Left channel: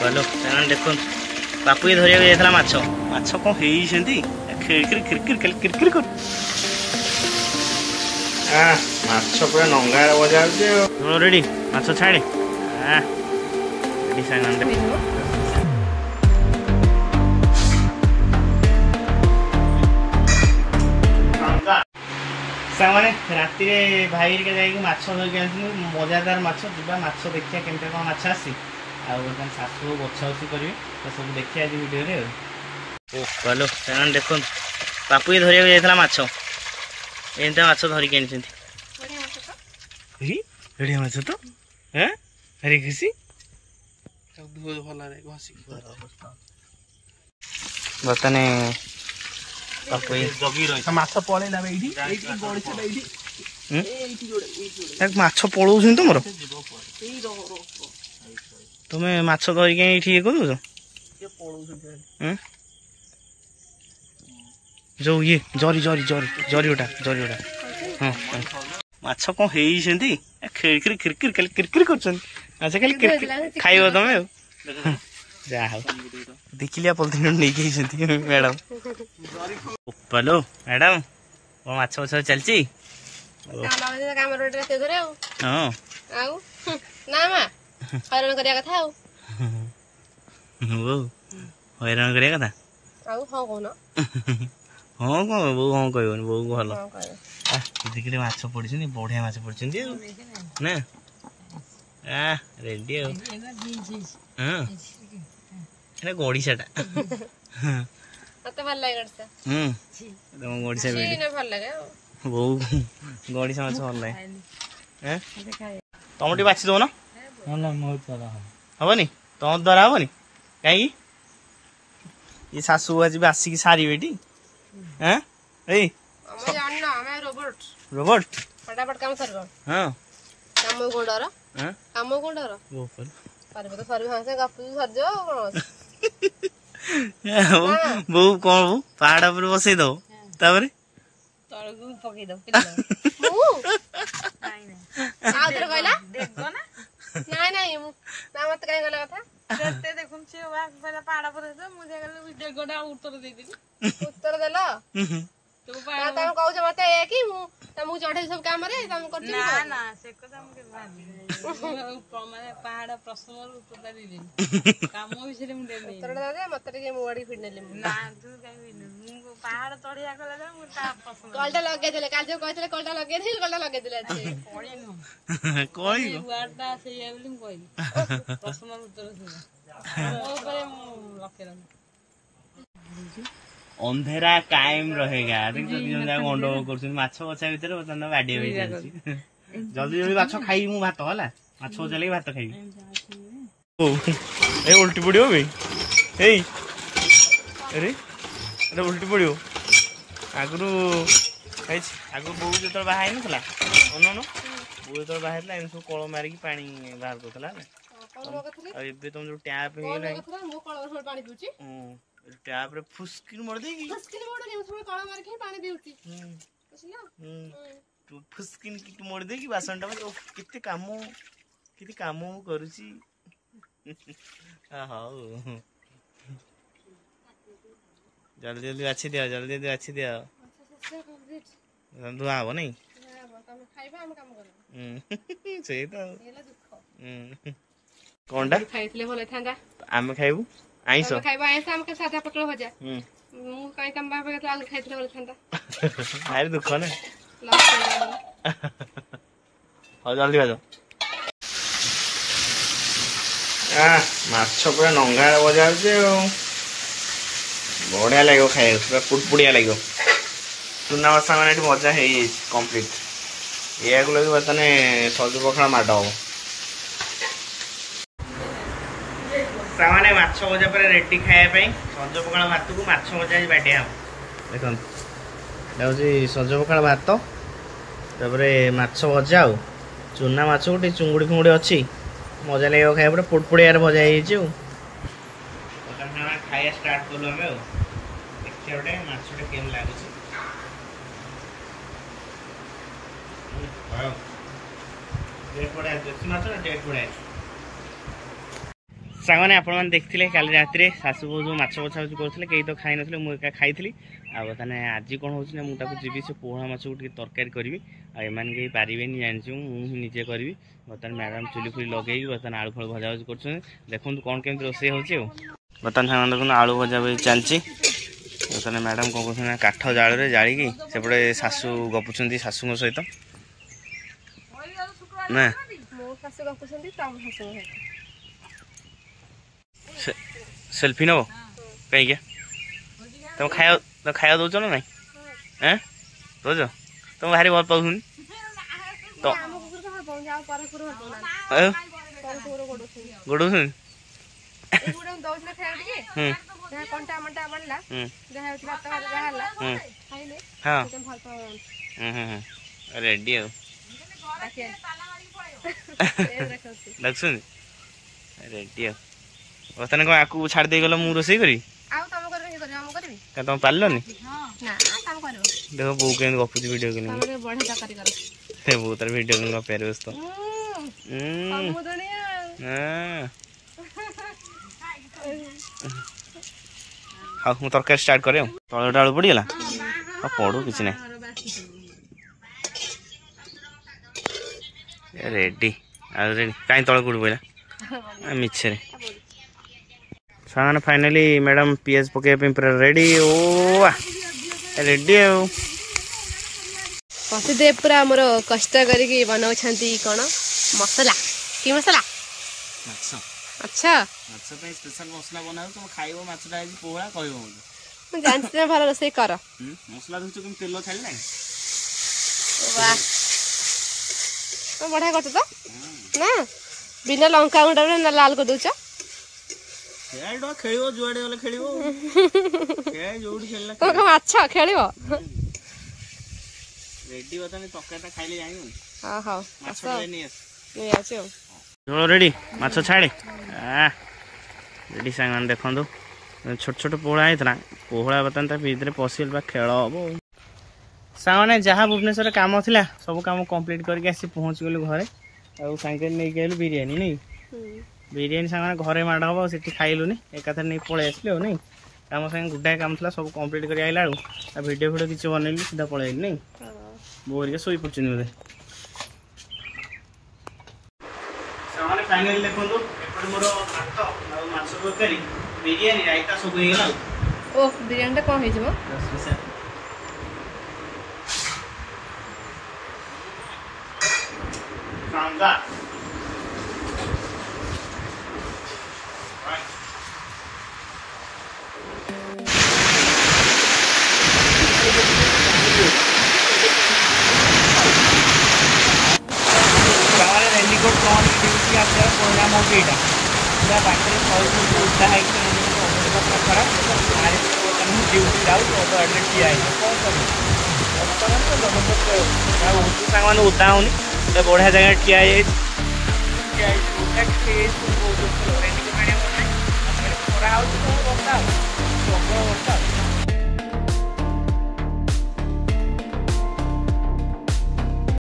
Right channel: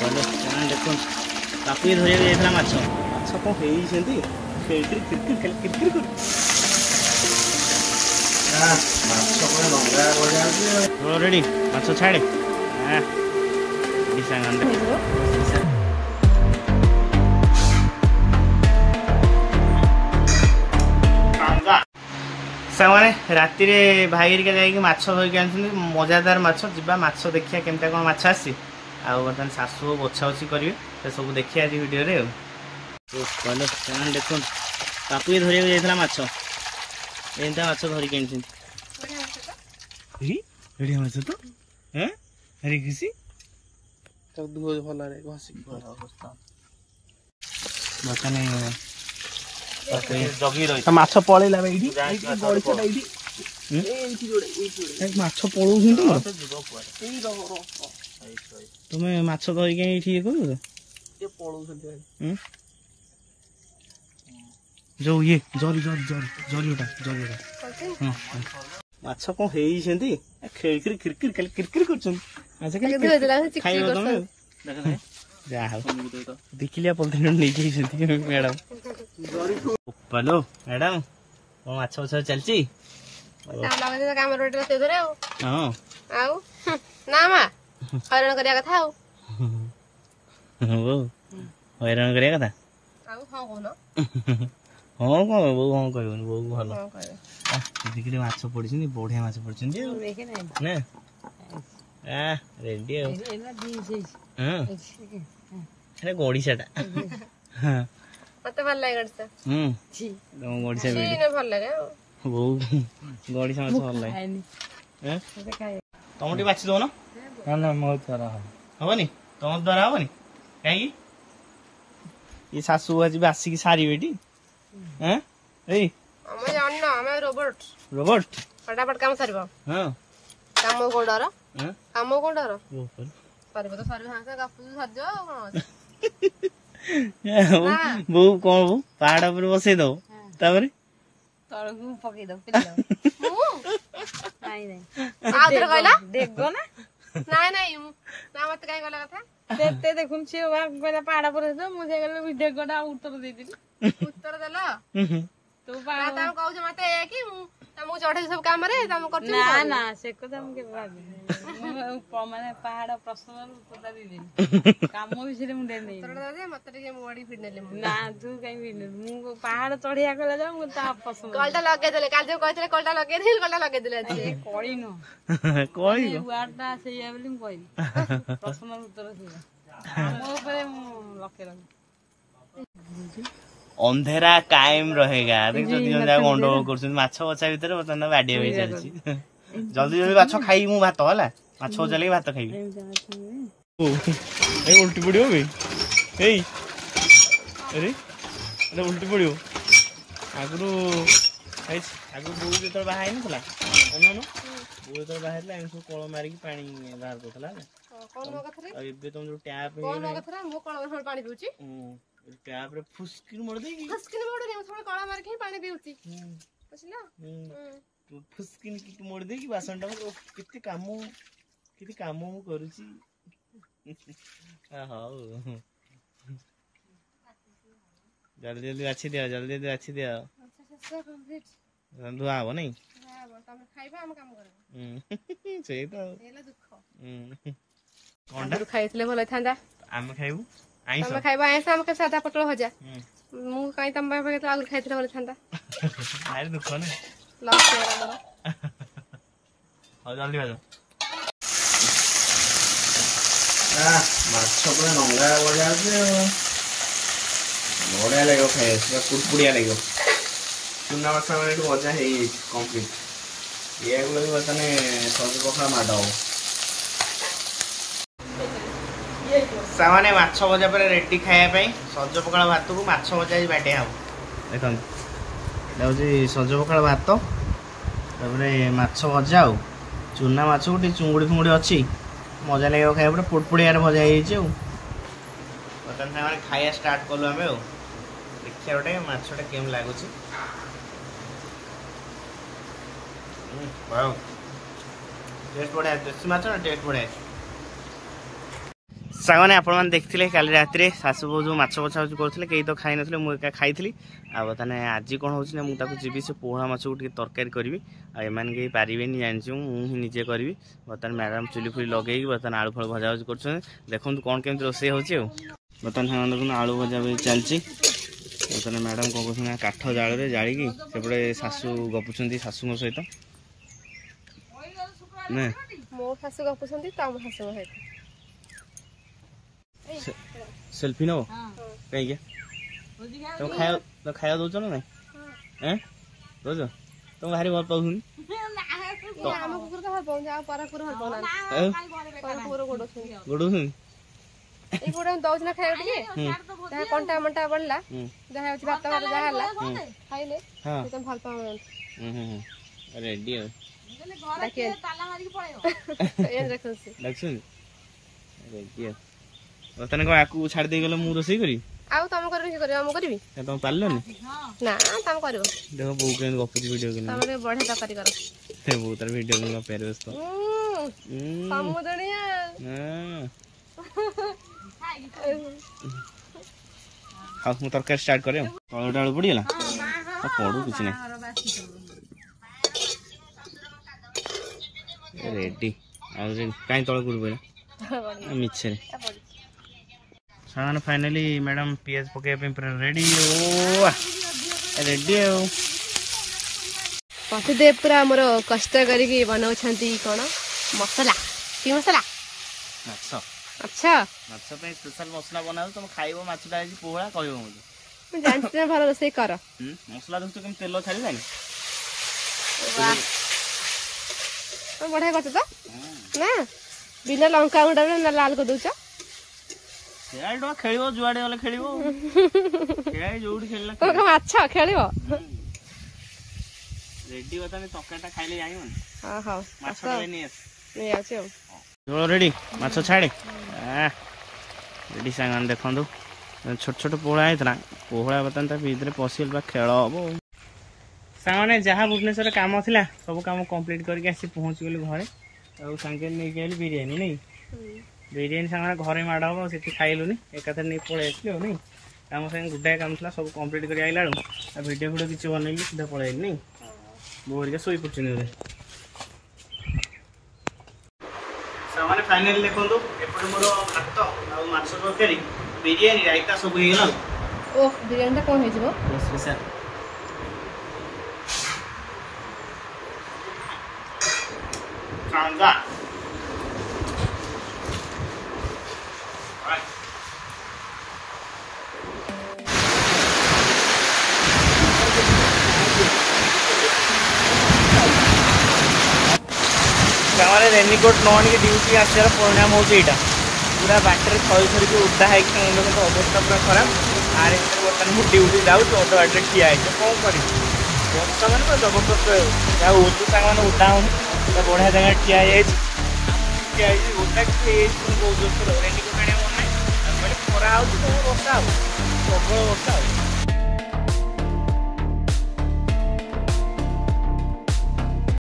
चलो देखो बापू धरिया जाइए माछ माछ कौन होती माछ पूरा नंगा बजा रेडी माछ छाड़े सामने राति भाई हेरिका जाइए माछ धरिक आनी मजादार माछ जा माछ देखिया केमता कौन माछ आसी आसान शाशु बछा बछी करेंगे तो सब देखिए आज वीडियो चलो से देख बापू ये धरिया जाइए माछ एमता माछ धरिक आनी बढ़िया माछ तो हरी खुशी बर्तने माछ पलैला माछ पलौ तुम तुम्हें माछ धरिक ये कर जो ये जरी जरी जरी जरी उठा हाँ माछ कौन होती खिड़की किरकिरी कर खाइब तुम जा देखिलिया पॉलिथिन नहीं मैडम पलो मैडम कौन माछ बछ चलती हैरान करिया कथा हैरान करिया कथा हाँ कौन बो हाँ कहन बो भल देखिए माछ पड़ी बढ़िया माछ पड़ी ना रेडी हाँ गड़िशा मत भल लगे तुम गड़िशा भल लगे बो गड़िशा माछ भल लगे तुम टी बाछि दो ना मो द्वारा हेनी तुम द्वारा हेनी कहीं ये शाशु आज आसिक सारे रोबोट रोबोट फटाफट काम सर हाँ काम कौन डर काम कौन डर सर तो सर हाँ गप सर बो कौन बो पहाड़ पर बसई दो तापर तळकु पकई दो नहीं नहीं ना मत कहीं गला कथा ते देखुम छी पहला पहाड़ पर तो मुझे गले वीडियो गोडा उत्तर दे दिली उत्तर देला तो पहाड़ तम कहू जे मते ए कि तम चढ़े सब काम रे तम करती ना ना से कथा हम के भाबी माने पहाड़ प्रश्न उत्तर दे दिली काम विषय मु दे नहीं उत्तर दे मते के मुड़ी फिडनेले ना तू कहीं भी मु पहाड़ चढ़िया गला जा मु ता पसंद कलटा लगे देले काल जो कहतले कलटा लगे दिले अछि कोई न कोई वाटा से ये बोली मु कहली प्रश्न उत्तर से मो ऊपर मु लखे रख अंधेरा कायम रहेगा देख गंडगोल कर माछ बचा भितर बर्तमान बाडिया हो चलती जल्दी जल्दी माछ खाई मु भात है माछ बचा लगे भात खाई उल्टी पड़ो अरे उल्टी पड़ो आगु आगु बो जो बाहर नाला अन बो जो बाहर एम सब कल मारिक पा बाहर कर तुम जो टैप टैप रे फुस्किन मोड़ देगी कला मार के पानी पीउची बुझला तू फुस्किन की मोड़ देगी बासन टा किते काम मु करूची हाउ जल्दी जल्दी अच्छी दिया अच्छा कंप्लीट रंधु आबो नहीं तमे खाइबा हम काम करबो सेही तो एला दुख कोनटा खाइतले भलो थांदा आमे खाइबू आइसो तमे खाइबा आइसो हम के सादा पकड़ भजा मु काई तम बाबा के आगु खाइतले भलो थांदा आरे दुख ना लॉस हो हो जल्दी आ जाओ माछ पूरा नंगा बजा बढ़िया लगे खाए पूरा कुटपुड़िया लगे चूना मशा मैंने मजा है कम्प्लीट या लगे बर्तमान सज पखाड़ माड हो सामाने माछ भजा पर रेडी खायापी सज पखाड़ भात को माछ भजा बाटिया हम देखते सज पखाड़ भात माछ भजा आ चूना माछ गोटे चुंगुड़ी फुंगुड़ी अच्छी मजा लगे खाया पूरा पुड़पुड़िया भजा बर्तमान खाया स्टार्ट कलु आम देखिए गोटे माछटा केम लगुच टेस्ट बढ़िया देसी माछ ना टेस्ट बढ़िया सागने आपण देखते काली रात शाशु बो जो माछ बछा करते कई तो खाई ना मुझे खाई आने आज कौन हो मुझे जी से पोहड़ा माछ को तरकारी करी आम कहीं पारे जानी मुझे निजे करी बर्तमान मैडम चुली फुली लगे बर्तमान आलू फल भजा भजी कर देखो कौन केमी रोसे हो बर्तमान सामान देखो आलू भजा भजी चलती बर्तमान मैडम कौन कहते काठ जाल जाड़ी सेपटे शाशु गपुंट शाशु सहित ना सेल्फी नब कहीं तुम खाया दौच ना ना दौच तुम भारी भल पाऊँ गोड़ कंटा मंटा बढ़ला रेडी रेडी बर्तमान कौन आपको छाड़ दे गल मु रोसे करी तुम पार्लनि देखो बो के गपुची वीडियो के बो तार वीडियो के गपार व्यस्त हाँ मु तरकारी स्टार्ट करे तलटा आलू पड़गला पड़ू कि ना रेडी रेडी कहीं तल कौट पड़ा मिछे सामान फाइनाली मैडम पीएस पकड़ पूरा रेडी ओ रेडी पतिदेव पूरा मोर कष्ट करके बनाऊँ कौन मसला कि मसला अच्छा स्पेशल मसला बना तुम खाइबो माछटा आज पोहड़ा कहबो मुझे जानते भल रोसे कर मसला देखो केम तेल छाड़ी जानी वाह बढ़िया करछ तो ना बिना लंका गुंडा ना लाल कर दउछ खेळडो खेलिबो जुआडे वाला खेलिबो खेळाई जोडी खेलला को अच्छा खेलिबो रेडी बताने तकाटा खाइले जानिबो हां हां माछटा नहीं आछो चलो रेडी माछ छाड़े रेडी सामान देखो छोट छोट पोहड़ा होता पोहड़ा बर्तमान भीतर पशिगल खेल हम सामने जहाँ भुवनेश्वर कम था सब कम कम्प्लीट करके आसी पहुँच गलु घरे और सांगे नहीं गलु बिरियानी नहीं बिरियानी सामने घरे माड़ हम से खाइलुनि एकाथर नहीं पलि आसलु नहीं कम सागे गुडाए कम था सब कम्प्लीट कर आइला वीडियो फिडियो किसी बनैली सीधा पलि नहीं बोरिका शोई पड़े बोधे सामने फाइनल देखो एपटे मोर भात आ माछ तरकारी बिरियानी रायता सब हो गला ओ बिरियानी कौन है जीवो रसगुसा कांगा रेनिकोट नई ड्यूटी आसार परिणाम हो पूरा बाटर थरी थरिक उदा है अवस्था पूरा खराब आरे बर्तमान मुझे ड्यूटी जाऊँ अध बाटे ठिया कौन कर बर्तमान पूरा जबरदस्त सांग उदा होनी बढ़िया जगह ठिया उदा बहुत रेनिकोट आने मन ना खरा हो बर्षा प्रबल वर्षा